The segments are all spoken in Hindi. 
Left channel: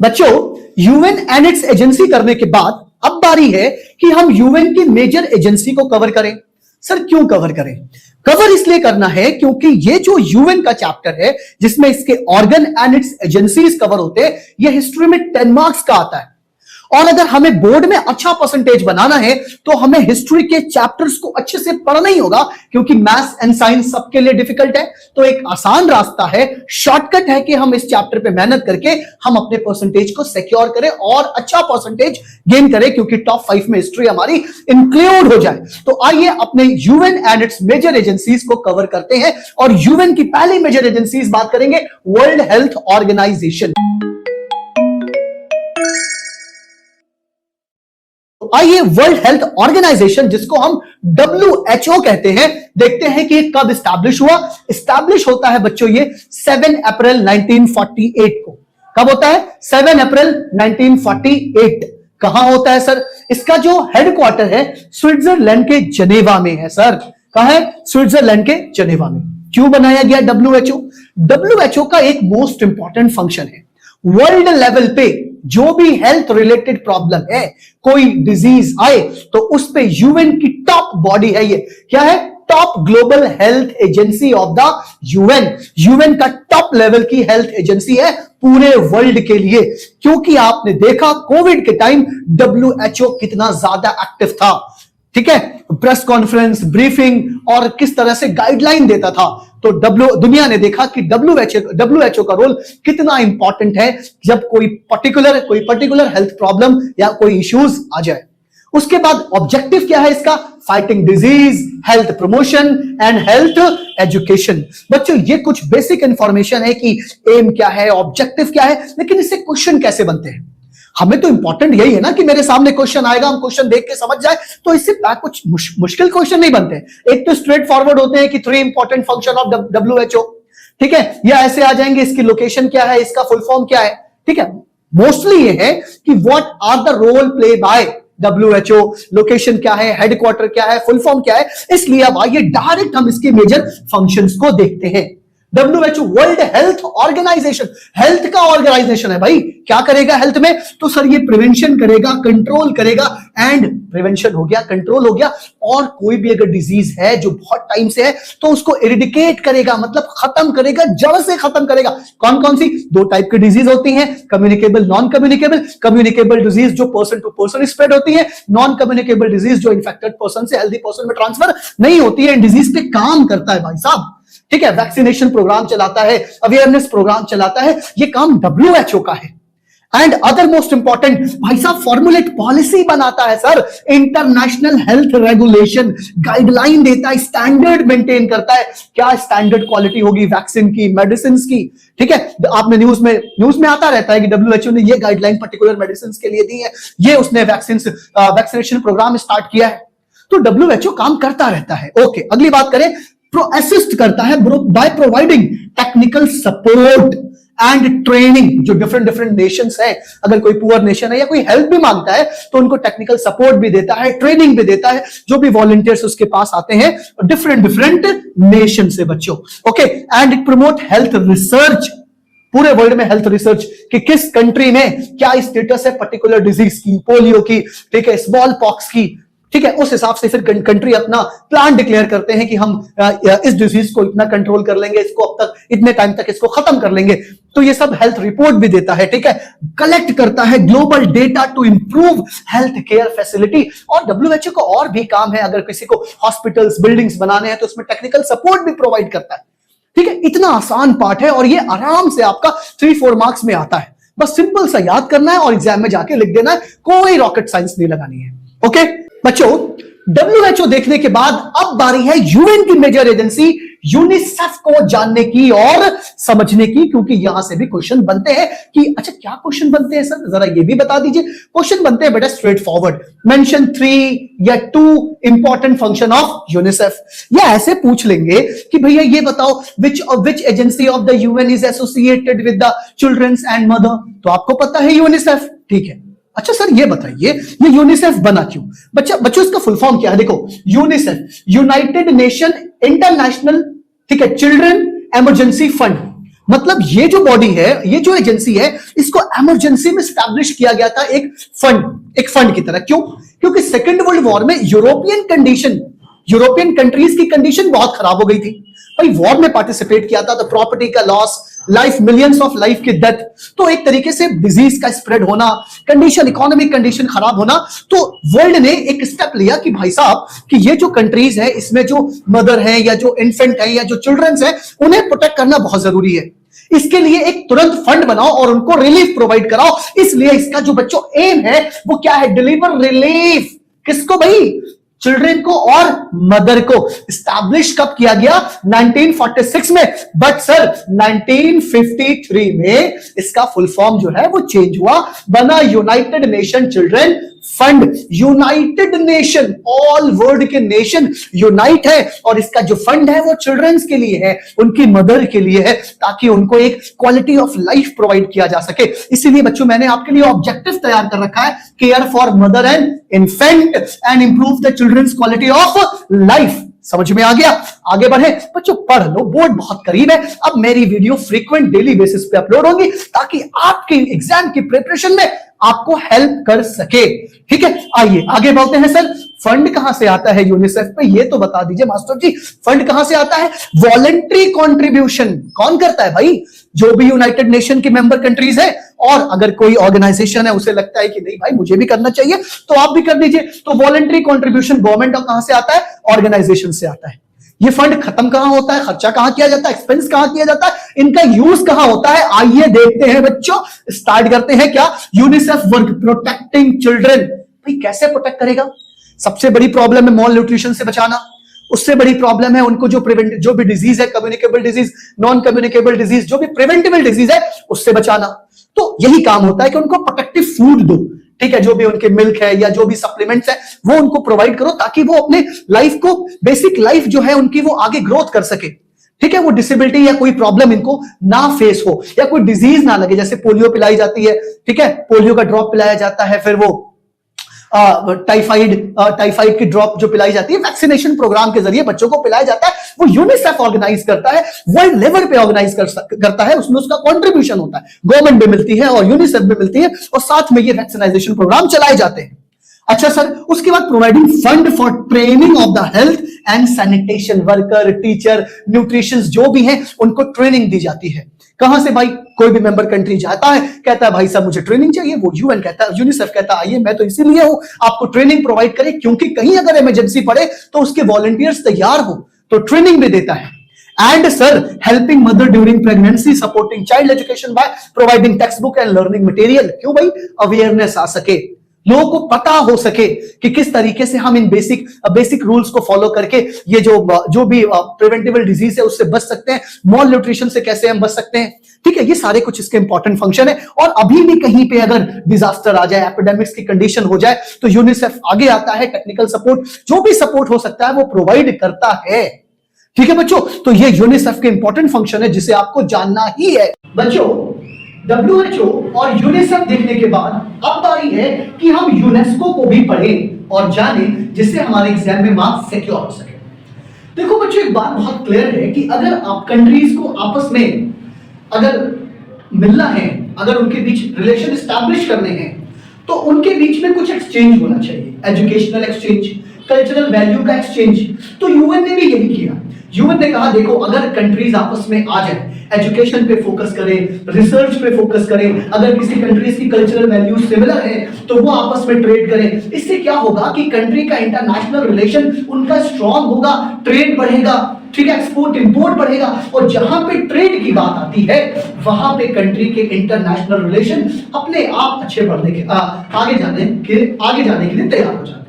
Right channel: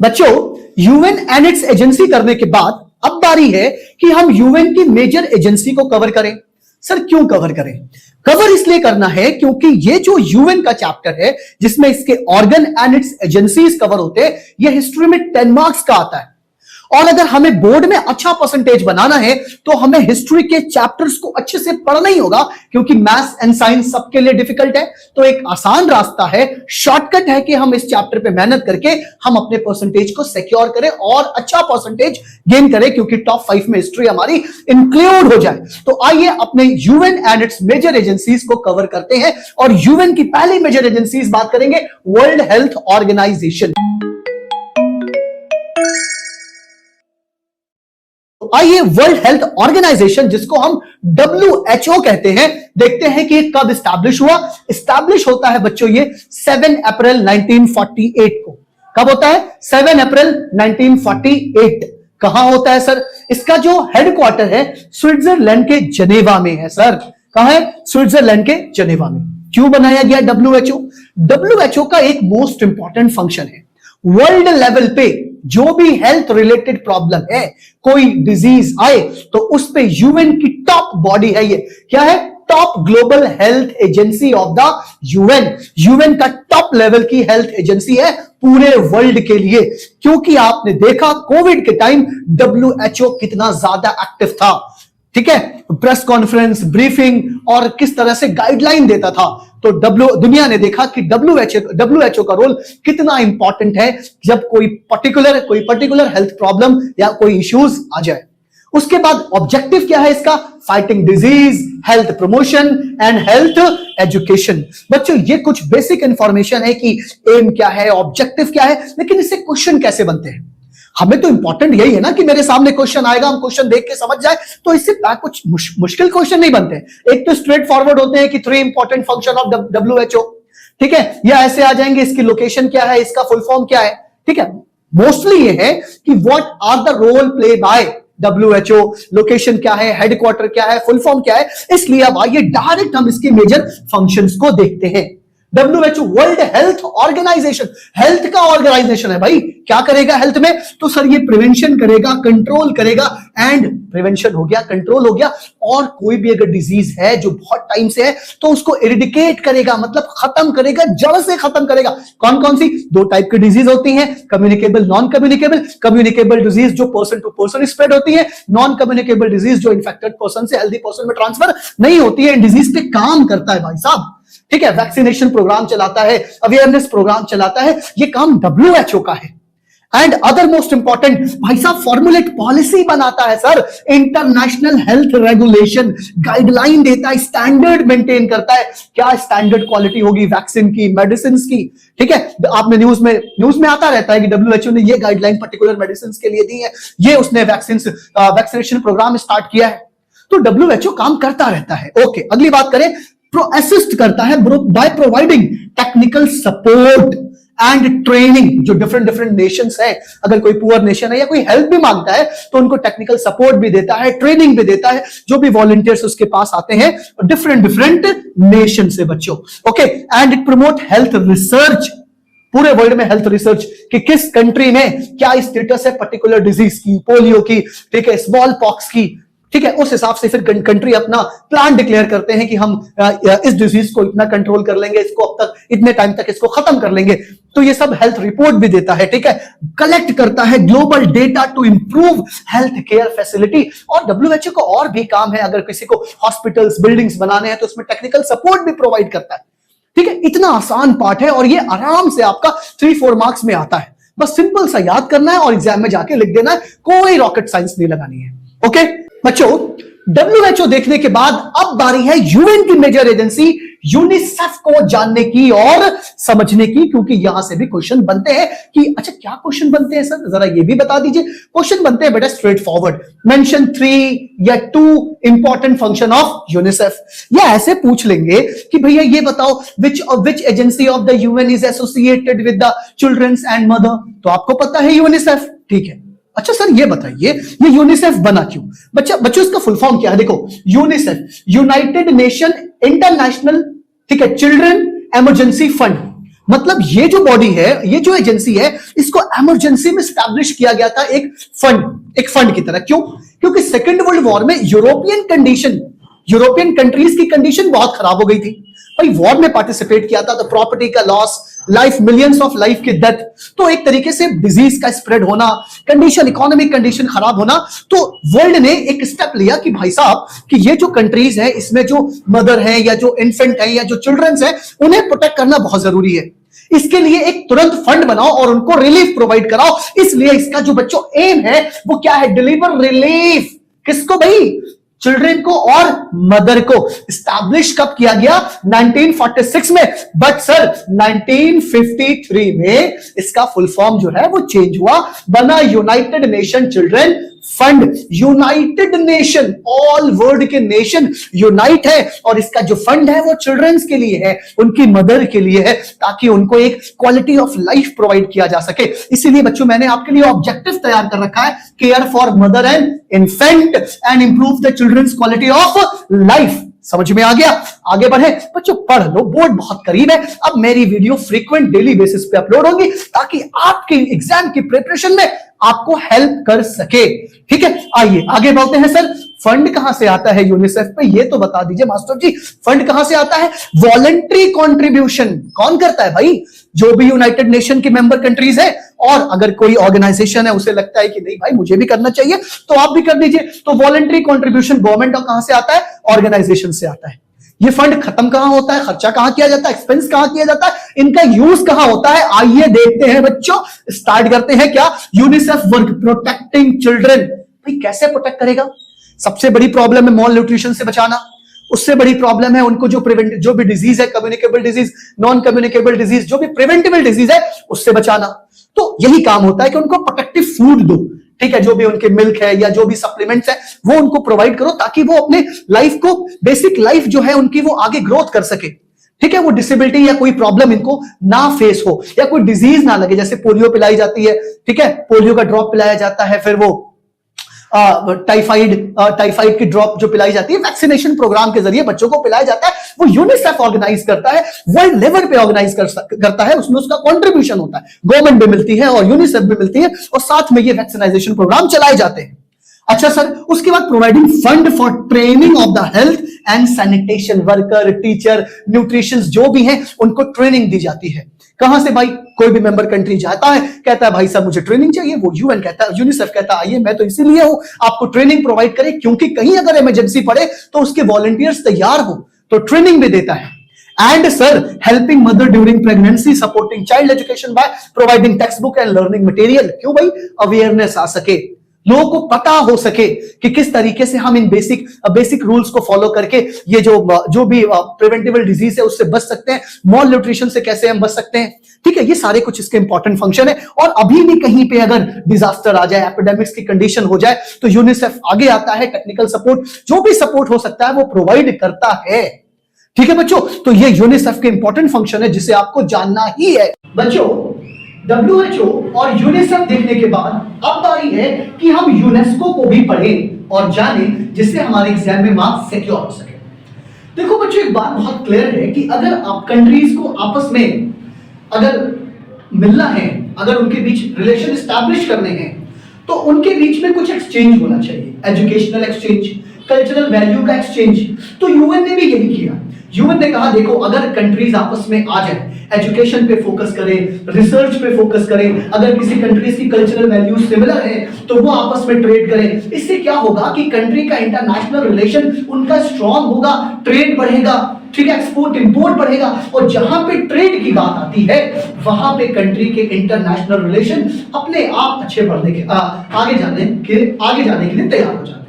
बच्चों, यूएन एडेक्स एजेंसी करने के बाद अब बारी है कि हम यूएन की मेजर एजेंसी को कवर करें। सर क्यों कवर करें? कवर इसलिए करना है क्योंकि ये जो यूएन का चैप्टर है जिसमें इसके organ and it's agencies cover होते हैं, यह हिस्ट्री में 10 मार्क्स का आता है। और अगर हमें बोर्ड में अच्छा परसेंटेज बनाना है तो हमें हिस्ट्री के चैप्टर्स को अच्छे से पढ़ना ही होगा, क्योंकि मैथ्स एंड साइंस सबके लिए डिफिकल्ट है। तो एक आसान रास्ता है, शॉर्टकट है कि हम इस चैप्टर पे मेहनत करके हम अपने परसेंटेज को सिक्योर करें और अच्छा परसेंटेज गेन करें, क्योंकि टॉप 5 में हिस्ट्री हमारी इंक्लूड हो जाए। तो आइए अपने UN and its major agencies को कवर करते हैं। और यूएन की पहली मेजर एजेंसीज बात करेंगे, वर्ल्ड हेल्थ ऑर्गेनाइजेशन। आइए वर्ल्ड हेल्थ ऑर्गेनाइजेशन, जिसको हम WHO कहते हैं, देखते हैं कि कब एस्टैब्लिश हुआ। एस्टैब्लिश होता है बच्चों ये 7 अप्रैल 1948 को। कब होता है? 7 अप्रैल 1948। कहां होता है सर? इसका जो हेडक्वार्टर है स्विट्जरलैंड के जनेवा में है। सर कहां है? स्विट्जरलैंड के जनेवा में। क्यों बनाया गया WHO? WHO का एक मोस्ट इंपॉर्टेंट फंक्शन है, वर्ल्ड लेवल पे जो भी हेल्थ रिलेटेड प्रॉब्लम है, कोई डिजीज आए, तो उस पे यूएन की टॉप बॉडी है। ये क्या है? Top global health agency of the UN. UN का टॉप लेवल की हेल्थ एजेंसी है पूरे वर्ल्ड के लिए। क्योंकि आपने देखा कोविड के टाइम WHO कितना ज्यादा एक्टिव था, ठीक है, प्रेस कॉन्फ्रेंस, ब्रीफिंग और किस तरह से गाइडलाइन देता था। तो दुनिया ने देखा कि WHO का रोल कितना इंपॉर्टेंट है जब कोई पर्टिकुलर हेल्थ प्रॉब्लम या कोई इश्यूज आ जाए। उसके बाद ऑब्जेक्टिव क्या है इसका? Fighting disease, health promotion and health education. बच्चों ये कुछ बेसिक इंफॉर्मेशन है कि एम क्या है, ऑब्जेक्टिव क्या है, लेकिन इससे क्वेश्चन कैसे बनते हैं। हमें तो इंपॉर्टेंट यही है ना कि मेरे सामने क्वेश्चन आएगा, हम क्वेश्चन देख के समझ जाए। तो इससे कुछ मुश्किल क्वेश्चन नहीं बनते। एक तो स्ट्रेट फॉरवर्ड होते हैं कि 3 इंपॉर्टेंट फंक्शन ऑफ WHO, ठीक है, या ऐसे आ जाएंगे इसकी लोकेशन क्या है, इसका फुल फॉर्म क्या है, ठीक है। मोस्टली ये है कि what are the role play by WHO, location क्या है, हेडक्वार्टर क्या है, फुल फॉर्म क्या है। इसलिए अब आइए डायरेक्ट हम इसके मेजर फंक्शंस को देखते हैं। WHO world health organisation, health का ऑर्गेनाइजेशन है भाई। क्या करेगा हेल्थ में? तो सर ये प्रिवेंशन करेगा, कंट्रोल करेगा, एंड प्रिवेंशन हो गया, कंट्रोल हो गया, और कोई भी अगर डिजीज है जो बहुत टाइम से है तो उसको एरिडिकेट करेगा, मतलब खत्म करेगा, जड़ से खत्म करेगा। कौन कौन सी? 2 टाइप की डिजीज होती हैं, communicable, non communicable. Communicable disease जो पर्सन टू पर्सन स्प्रेड होती है, नॉन कम्युनिकेबल डिजीज जो इन्फेक्टेड पर्सन से हेल्दी पर्सन में ट्रांसफर नहीं होती है, डिजीज पे काम करता है भाई साहब, ठीक है। वैक्सीनेशन प्रोग्राम चलाता है, अवेयरनेस प्रोग्राम चलाता है, ये काम WHO का है। एंड अदर मोस्ट इंपॉर्टेंट भाई साहब, फॉर्मुलेट पॉलिसी बनाता है sir, international health regulation, guideline देता है, स्टैंडर्ड मेंटेन करता है। क्या स्टैंडर्ड क्वालिटी होगी वैक्सीन की, मेडिसिन की, ठीक है। आपने न्यूज में आता रहता है कि WHO ने ये गाइडलाइन पर्टिकुलर मेडिसिन के लिए दी है, ये उसने वैक्सीनेशन प्रोग्राम स्टार्ट किया है। तो WHO काम करता रहता है। ओके, अगली बात करें, असिस्ट करता है by providing technical support and training. जो डिफरेंट नेशंस है, अगर कोई पुअर नेशन है या कोई हेल्प भी मांगता है तो उनको टेक्निकल सपोर्ट भी देता है, ट्रेनिंग भी देता है। जो भी वॉलंटियर्स उसके पास आते हैं डिफरेंट नेशन से बच्चों, okay. And it promote health research, पूरे वर्ल्ड में हेल्थ रिसर्च कि किस कंट्री में क्या स्टेटस है पर्टिकुलर डिजीज की, पोलियो की, ठीक है, स्मॉल पॉक्स की, ठीक है। उस हिसाब से फिर कंट्री अपना प्लान डिक्लेयर करते हैं कि हम इस डिजीज को इतना कंट्रोल कर लेंगे, इसको अब तक इतने टाइम तक इसको खत्म कर लेंगे। तो ये सब हेल्थ रिपोर्ट भी देता है, ठीक है। कलेक्ट करता है global data to improve health care facility. और WHO का और भी काम है, अगर किसी को हॉस्पिटल्स, बिल्डिंग्स बनाने हैं तो उसमें टेक्निकल सपोर्ट भी प्रोवाइड करता है, ठीक है। इतना आसान पार्ट है और ये आराम से आपका 3-4 मार्क्स में आता है। बस सिंपल सा याद करना है और एग्जाम में जाके लिख देना है, कोई रॉकेट साइंस नहीं लगानी है, ओके बच्चों। WHO देखने के बाद अब बारी है यूएन की मेजर एजेंसी यूनिसेफ को जानने की और समझने की, क्योंकि यहां से भी क्वेश्चन बनते हैं कि अच्छा क्या क्वेश्चन बनते हैं सर, जरा ये भी बता दीजिए। क्वेश्चन बनते हैं बेटा स्ट्रेट फॉरवर्ड, मेंशन 3 या 2 इंपॉर्टेंट फंक्शन ऑफ यूनिसेफ। या ऐसे पूछ लेंगे कि भैया ये बताओ which agency of the UN is associated with the childrens and mother, तो आपको पता है यूनिसेफ, ठीक है। अच्छा सर ये बताइए ये यूनिसेफ बना क्यों? बच्चों इसका फुल फॉर्म क्या है? देखो, यूनिसेफ यूनाइटेड नेशन इंटरनेशनल, ठीक है, चिल्ड्रन इमरजेंसी फंड। मतलब ये जो बॉडी है, ये जो एजेंसी है, इसको इमरजेंसी में स्टैब्लिश किया गया था एक फंड की तरह। क्यों? क्योंकि सेकेंड वर्ल्ड वॉर में यूरोपियन कंट्रीज की कंडीशन बहुत खराब हो गई थी भाई। वॉर में पार्टिसिपेट किया था तो प्रॉपर्टी का loss, life, millions of life की डेथ, तो एक तरीके से डिजीज का स्प्रेड होना, कंडीशन, इकोनॉमिक कंडीशन खराब होना, तो वर्ल्ड ने एक स्टेप लिया कि भाई साहब कि ये जो कंट्रीज है, इसमें जो मदर है या जो इन्फेंट है या जो चिल्ड्रंस है, उन्हें प्रोटेक्ट करना बहुत जरूरी है। इसके लिए एक तुरंत फंड बनाओ और उनको रिलीफ प्रोवाइड कराओ। इसलिए इसका जो बच्चों एम है वो क्या है? Deliver relief. किसको भाई? चिल्ड्रन को और मदर को। स्टैब्लिश कब किया गया? 1946 में। बट सर 1953 में इसका फुल फॉर्म जो है वो चेंज हुआ, बना United nation children fund. United nation, all world के नेशन यूनाइट है और इसका जो फंड है वो चिल्ड्रंस के लिए है, उनकी मदर के लिए है, ताकि उनको एक क्वालिटी ऑफ लाइफ प्रोवाइड किया जा सके। इसीलिए बच्चों मैंने आपके लिए ऑब्जेक्टिव तैयार कर रखा है, care for mother and infant and improve the children's quality of life. समझ में आ गया? आगे बढ़े बच्चों, पढ़ लो, बोर्ड बहुत करीब है। अब मेरी वीडियो फ्रीक्वेंट डेली बेसिस पे अपलोड होगी ताकि आपकी एग्जाम की प्रिपरेशन में आपको हेल्प कर सके। ठीक है, आइए आगे बढ़ते हैं। सर फंड कहां से आता है यूनिसेफ पे? ये तो बता दीजिए मास्टर जी, फंड कहां से आता है? Voluntary contribution. कौन करता है भाई? जो भी यूनाइटेड नेशन के मेंबर कंट्रीज हैं, और अगर कोई ऑर्गेनाइजेशन है उसे लगता है कि नहीं भाई मुझे भी करना चाहिए, तो आप भी कर दीजिए। तो वॉलंटरी कॉन्ट्रीब्यूशन गवर्नमेंट और कहां से आता है? ऑर्गेनाइजेशन से आता है। ये फंड खत्म कहां होता है? खर्चा कहां किया जाता है? एक्सपेंस कहां किया जाता है? इनका यूज कहां होता है? आइए देखते हैं बच्चों, स्टार्ट करते हैं। क्या? UNICEF work, protecting children. भाई कैसे प्रोटेक्ट करेगा? सबसे बड़ी प्रॉब्लम है मॉल न्यूट्रिशन से बचाना। उससे बड़ी प्रॉब्लम है उनको जो भी डिजीज है, communicable disease, non communicable disease, जो भी प्रिवेंटेबल डिजीज है, उससे बचाना। तो यही काम होता है कि उनको प्रोटेक्टिव फूड दो। ठीक है, जो भी उनके मिल्क है या जो भी सप्लीमेंट्स है वो उनको प्रोवाइड करो, ताकि वो अपने लाइफ को, बेसिक लाइफ जो है उनकी, वो आगे ग्रोथ कर सके। ठीक है, वो डिसेबिलिटी या कोई प्रॉब्लम इनको ना फेस हो, या कोई डिजीज ना लगे। जैसे पोलियो पिलाई जाती है, ठीक है, पोलियो का ड्रॉप पिलाया जाता है, फिर वो टाइफाइड की ड्रॉप जो पिलाई जाती है, वैक्सीनेशन प्रोग्राम के जरिए बच्चों को पिलाया जाता है। वो यूनिसेफ ऑर्गेनाइज करता है, वर्ल्ड लेवल पे ऑर्गेनाइज करता है, उसमें उसका कंट्रीब्यूशन होता है, गवर्नमेंट भी मिलती है और यूनिसेफ भी मिलती है, और साथ में ये वैक्सीनाइजेशन प्रोग्राम चलाए जाते हैं। अच्छा सर, उसके बाद providing fund for training of the health and sanitation worker, teacher, nutrition जो भी है, उनको ट्रेनिंग दी जाती है। कहां से भाई? कोई भी मेंबर कंट्री जाता है, कहता है भाई साहब मुझे ट्रेनिंग चाहिए, वो यूएन कहता है, यूनिसेफ कहता है आइए मैं तो इसीलिए हूं आपको ट्रेनिंग प्रोवाइड करें, क्योंकि कहीं अगर इमरजेंसी पड़े तो उसके वॉलंटियर्स तैयार हो, तो ट्रेनिंग भी देता है। And sir, helping mother during pregnancy, supporting child education by providing textbook and learning material. क्यों भाई? अवेयरनेस आ सके, लोगों को पता हो सके कि किस तरीके से हम इन बेसिक रूल्स को फॉलो करके ये जो भी प्रिवेंटेबल डिजीज है उससे बच सकते हैं, मॉल न्यूट्रिशन से कैसे हम बच सकते हैं। ठीक है, ये सारे कुछ इसके इंपॉर्टेंट फंक्शन है। और अभी भी कहीं पे अगर डिजास्टर आ जाए, एपिडेमिक्स की कंडीशन हो जाए, तो यूनिसेफ आगे आता है, टेक्निकल सपोर्ट, जो भी सपोर्ट हो सकता है वो प्रोवाइड करता है। ठीक है बच्चों, तो ये यूनिसेफ का इंपॉर्टेंट फंक्शन है जिसे आपको जानना ही है। बच्चों WHO और यूनिसेफ देखने के बाद अब बारी है कि हम यूनेस्को को भी पढ़ें और जाने, जिससे हमारे एग्जाम में मार्क्स सिक्योर हो सके। देखो बच्चों, एक बात बहुत क्लियर है कि अगर आप कंट्रीज को आपस में अगर मिलना है, अगर उनके बीच रिलेशन स्टैब्लिश करने हैं, तो उनके बीच में कुछ एक्सचेंज होना चाहिए, एजुकेशनल एक्सचेंज, कल्चरल वैल्यू का एक्सचेंज। तो यूएन ने भी यही किया। यूएन ने कहा देखो, अगर कंट्रीज आपस में आ जाए, एजुकेशन पे फोकस करें, रिसर्च पे फोकस करें, अगर किसी कंट्रीज की कल्चरल वैल्यूज सिमिलर है तो वो आपस में ट्रेड करें। इससे क्या होगा कि कंट्री का इंटरनेशनल रिलेशन उनका स्ट्रांग होगा, ट्रेड बढ़ेगा, ठीक है, एक्सपोर्ट इंपोर्ट बढ़ेगा, और जहां पे ट्रेड की बात आती है वहां पे कंट्री के इंटरनेशनल रिलेशन अपने आप अच्छे बढ़ने के आगे जाने के लिए तैयार हो जाते हैं।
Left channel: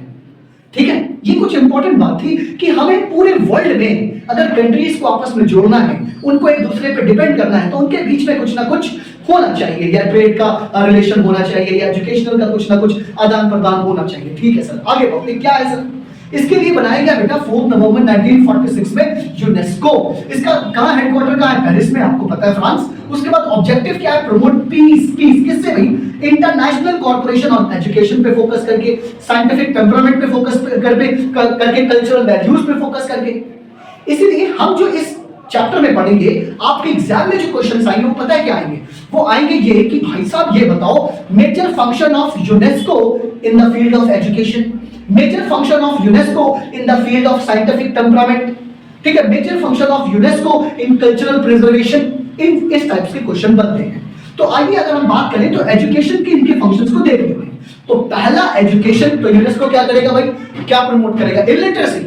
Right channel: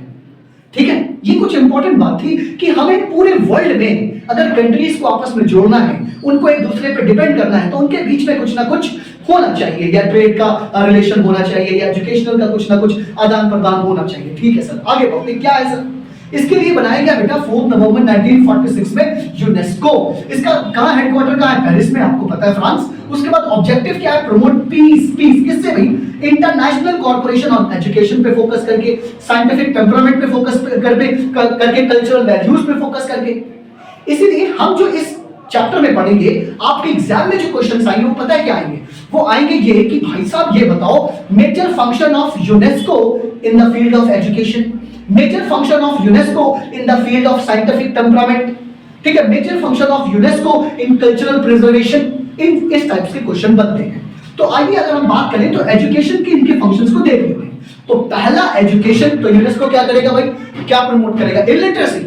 ठीक है, ये कुछ इंपॉर्टेंट बात थी कि हमें पूरे वर्ल्ड में अगर कंट्रीज को आपस में जोड़ना है, उनको एक दूसरे पे डिपेंड करना है, तो उनके बीच में कुछ ना कुछ होना चाहिए, या ट्रेड का रिलेशन होना चाहिए, या एजुकेशनल का कुछ ना कुछ आदान प्रदान होना चाहिए। ठीक है सर, आगे बढ़ते क्या है सर? इसके लिए बनाया गया बेटा 4 नवंबर 1946 में यूनेस्को। इसका कहां हेडक्वार्टर का है? पेरिस में, आपको पता है, फ्रांस। उसके बाद ऑब्जेक्टिव क्या है? प्रमोट पीस किससे भी? इंटरनेशनल कॉर्पोरेशन और एजुकेशन पे फोकस करके, साइंटिफिक टेम्परामेंट पे फोकस करके, कल्चरल वैल्यूज पे फोकस करके। इसलिए हम जो इस चैप्टर में पढ़ेंगे, आपके एग्जाम में जो क्वेश्चन आएंगे वो पता क्या आएंगे, वो आएंगे ये कि भाई साहब ये बताओ major function of UNESCO in the field of education, major function of UNESCO in the field of scientific temperament, ठीक है, major function of UNESCO in cultural preservation, इन इस टाइप से क्वेश्चन बनते हैं। तो आइए अगर हम बात करें तो एजुकेशन के इनके फंक्शंस को देख लेते हैं। तो पहला एजुकेशन तो यूनेस्को क्या करेगा भाई, क्या प्रमोट करेगा, इलिटरेसी।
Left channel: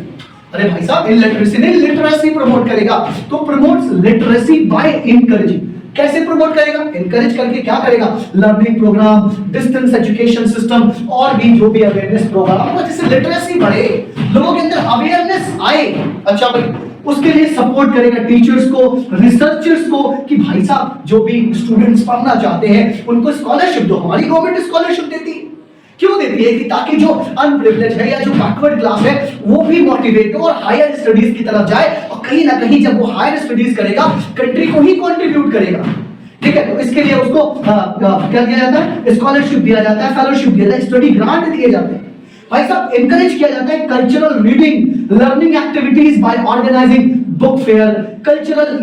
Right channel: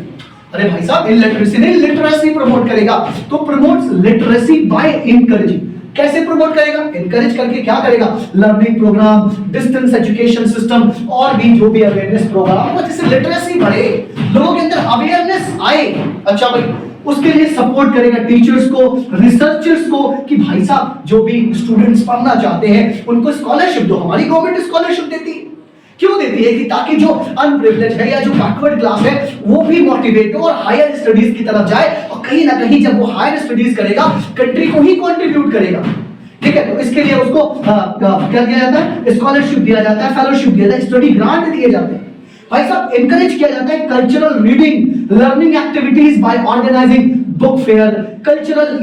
अरे भाई साहब इलिटरेसी नहीं, लिटरेसी प्रमोट करेगा। तो प्रमोट्स लिटरेसी बाय एनकरेजिंग, कैसे प्रमोट करेगा, एनकरेज करके क्या करेगा, learning program, distance education system और भी जो भी अवेयरनेस प्रोग्राम, जैसे लिटरेसी बढ़ेगी, लोग अंदर अवेयरनेस आए, अच्छा भाई उसके लिए सपोर्ट करेगा टीचर्स को, रिसर्चर्स को कि भाई साहब जो भी स्टूडेंट्स पढ़ना चाहते हैं उनको स्कॉलरशिप दो। हमारी गवर्नमेंट स्कॉलरशिप देती है, क्यों देती है कि ताकि जो अनप्रिविलेज्ड है या जो बैकवर्ड क्लास है वो भी मोटिवेट हो और हायर स्टडीज की तरफ जाए, और कहीं ना कहीं जब वो हायर स्टडीज करेगा कंट्री को ही कंट्रीब्यूट करेगा, ठीक है। तो इसके लिए उसको क्या दिया जाता है, स्कॉलरशिप दिया जाता है, फेलोशिप दिया जाता है, स्टडी ग्रांट दिए जाते हैं। भाई साहब एनकरेज किया जाता है cultural reading, learning activities by organising book fair, cultural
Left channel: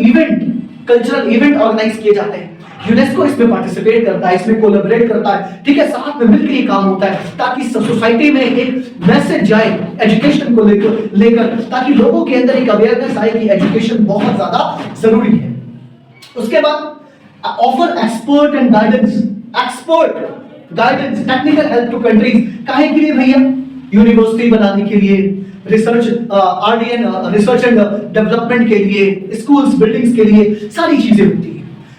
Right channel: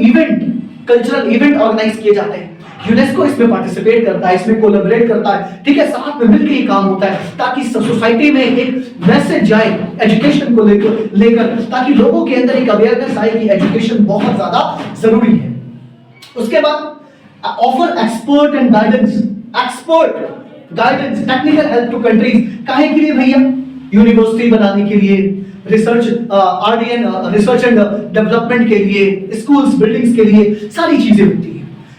event organise किए जाते हैं। यूनेस्को इसमें पार्टिसिपेट करता है, इसमें कोलैबोरेट करता है, ठीक है, साथ में मिलकर ये काम होता है ताकि सोसाइटी में एक मैसेज जाए एजुकेशन को लेकर ताकि लोगों के अंदर एक अवेयरनेस आए कि एजुकेशन बहुत ज्यादा जरूरी है। उसके बाद offer expert and guidance, technical help to countries, काहे के लिए भैया, यूनिवर्सिटी बनाने के लिए, रिसर्च आरडीएन रिसर्च एंड डेवलपमेंट के लिए, स्कूल्स बिल्डिंग्स के लिए, सारी चीजें होती है।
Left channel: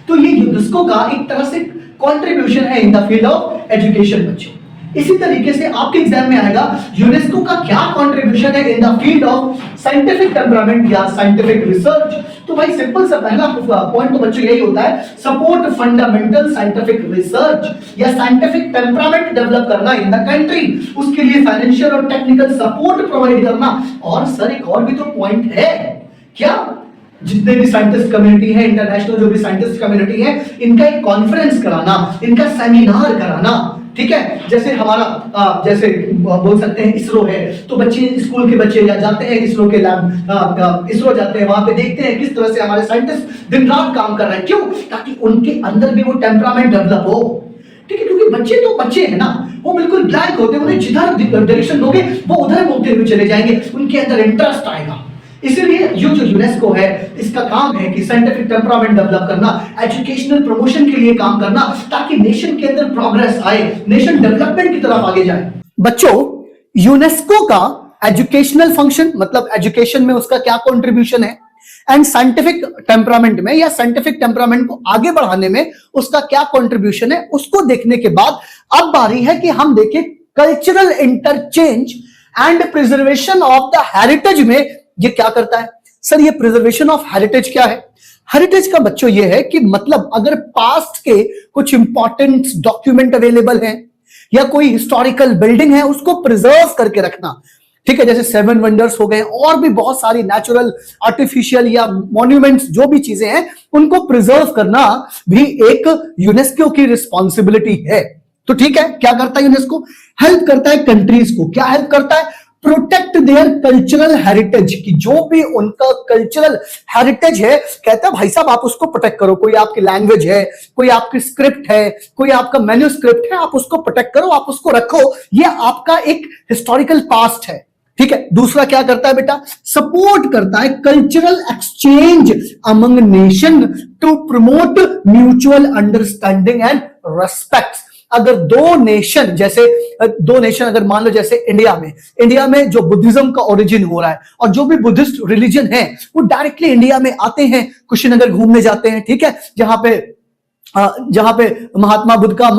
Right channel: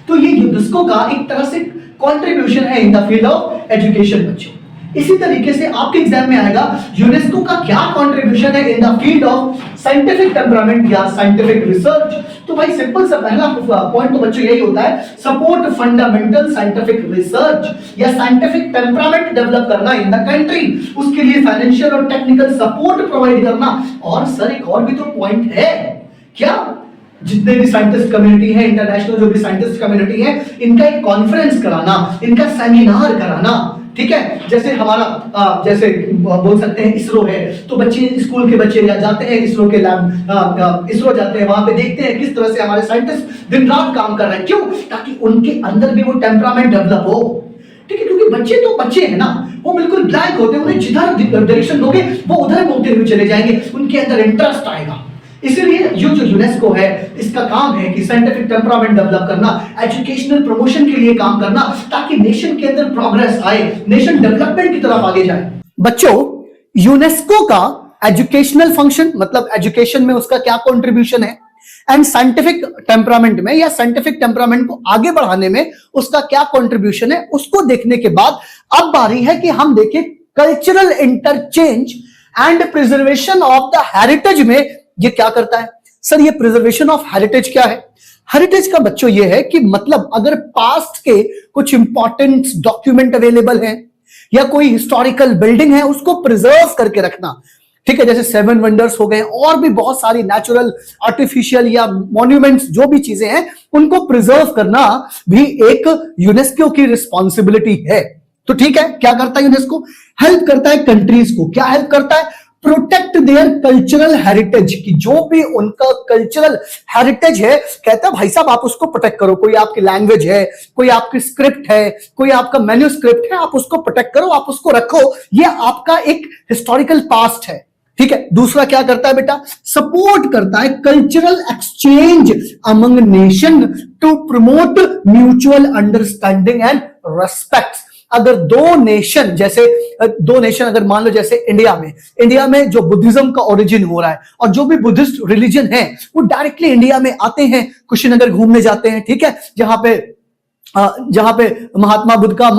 तो ये यूनेस्को का एक तरह से कंट्रीब्यूशन है इन द फील्ड ऑफ एजुकेशन बच्चे। इसी तरीके से आपके एग्जाम में आएगा यूनेस्को का क्या कंट्रीब्यूशन है इन the field of scientific temperament या साइंटिफिक रिसर्च। तो भाई सिंपल सा पहला पॉइंट बच्चे यही होता है, सपोर्ट फंडामेंटल साइंटिफिक रिसर्च या साइंटिफिक टेम्परामेंट डेवलप करना इन द कंट्री, उसके लिए फाइनेंशियल और टेक्निकल सपोर्ट प्रोवाइड करना। और सर एक और भी तो पॉइंट है, क्या जितने भी साइंटिस्ट कम्युनिटी है, इंटरनेशनल जो भी साइंटिस्ट कम्युनिटी है, इनका एक कॉन्फ्रेंस कराना, इनका सेमिनार कराना, ठीक है। जैसे हमारा जैसे बोल सकते हैं इसरो, तो बच्चे स्कूल के बच्चे जाते हैं इसरो के लैब, इसरो जाते हैं, वहां पे देखते हैं किस तरह से हमारे साइंटिस्ट दिन रात काम कर रहे हैं, क्यों, ताकि उनके अंदर भी वो टेम्परामेंट डेवलप हो, ठीक है। क्योंकि बच्चे तो बच्चे हैं ना, वो बिल्कुल ब्लैंक होते हैं, उन्हें जिधर डायरेक्शन दोगे वो उधर घूमते हुए चले जाएंगे, उनके अंदर इंटरेस्ट आएगा। इसलिए ये जो यूनेस्को है इसका काम है कि साइंटिफिक टेम्परामेंट डेवलप करना, एजुकेशनल प्रमोशन के लिए काम करना, ताकि नेशन के अंदर प्रोग्रेस आए, नेशन डेवलपमेंट की तरफ आगे जाए। बच्चों यूनेस्को का एजुकेशनल फंक्शन मतलब एजुकेशन में उसका क्या कंट्रीब्यूशन है, एंड साइंटिफिक टेम्परामेंट में या साइंटिफिक टेम्परामेंट को आगे बढ़ाने में उसका क्या कंट्रीब्यूशन है, उसको देखने के बाद अब बारी है कि हम देखें cultural interchange and preservation of the heritage में ये क्या करता है। सर ये प्रिजर्वेशन ऑफ हेरिटेज क्या है, हेरिटेज का बच्चों ये है कि मतलब अगर पास्ट के कुछ इंपॉर्टेंट डॉक्यूमेंट अवेलेबल है या कोई हिस्टोरिकल बिल्डिंग है उसको प्रिजर्व करके रखना, ठीक है। जैसे 7 वंडर्स हो गए और भी बहुत सारी नेचुरल, आर्टिफिशियल या मॉन्यूमेंट्स जो भी चीजें हैं उनको प्रिजर्व करना भी एक यूनेस्को की रिस्पॉन्सिबिलिटी है। तो ठीक है, क्या करता है यूनेस्को, हेल्प करता है कंट्रीज को, क्या हेल्प करता है, प्रोटेक्ट देयर कल्चरल हेरिटेज, की जो भी उनका कल्चरल हेरिटेज है, कहता है भाई साहब आप उसको प्रोटेक्ट करो, कोई आपकी लैंग्वेज है, कोई आपकी स्क्रिप्ट है, कोई आपका मैन्यूस्क्रिप्ट है, आप उसको प्रोटेक्ट करो, आप उसको रखो, ये आपका एक हिस्टोरिकल पास्ट है, ठीक है। दूसरा क्या करता है बेटा, सपोर्ट करता है cultural exchange among nation to promote mutual understanding and respect. अगर दो नेशन अगर मान लो जैसे इंडिया में जो बुद्धिज्म का ओरिजिन हो रहा है और जो भी बुद्धिस्ट रिलीजन है वो डायरेक्टली इंडिया में आते हैं, कुशीनगर घूमने जाते हैं, ठीक है, जहां पे महात्मा बुद्ध का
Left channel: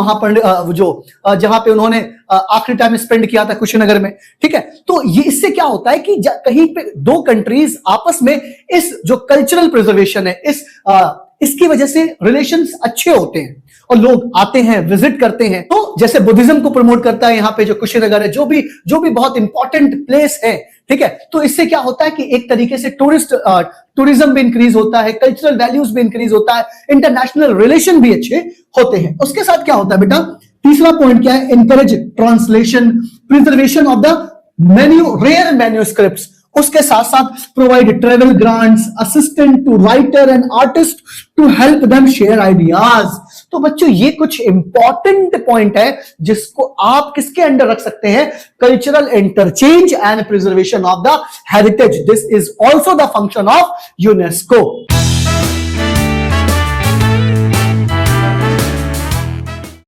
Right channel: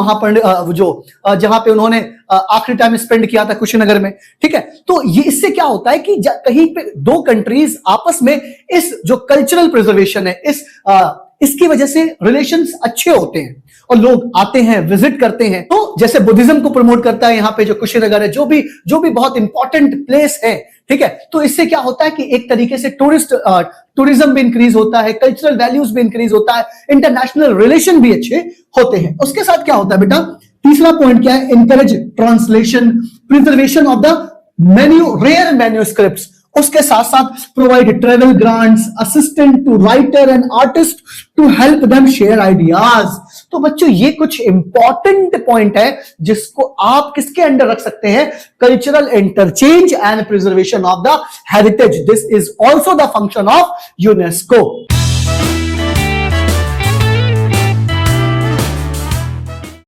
जहां पे उन्होंने आखिरी टाइम स्पेंड किया था कुशीनगर में, ठीक है। तो ये इससे क्या होता है कि कहीं पे दो कंट्रीज आपस में इस जो कल्चरल प्रिजर्वेशन है इसकी वजह से रिलेशंस अच्छे होते हैं और लोग आते हैं, विजिट करते हैं। तो जैसे बुद्धिज्म को प्रमोट करता है यहाँ पे जो कुशीनगर है, जो भी बहुत इंपॉर्टेंट प्लेस है, ठीक है। तो इससे क्या होता है कि एक तरीके से टूरिज्म भी इंक्रीज होता है, कल्चरल वैल्यूज भी इंक्रीज होता है, इंटरनेशनल रिलेशन भी अच्छे होते हैं। उसके साथ क्या होता है बेटा, तीसरा पॉइंट क्या है, encourage translation, preservation of the rare manuscripts, उसके साथ साथ provide travel grants, assistant to writer and artist to help them share ideas. तो बच्चों ये कुछ इंपॉर्टेंट पॉइंट है जिसको आप किसके अंडर रख सकते हैं, cultural interchange and preservation of the heritage. This is also the function of UNESCO.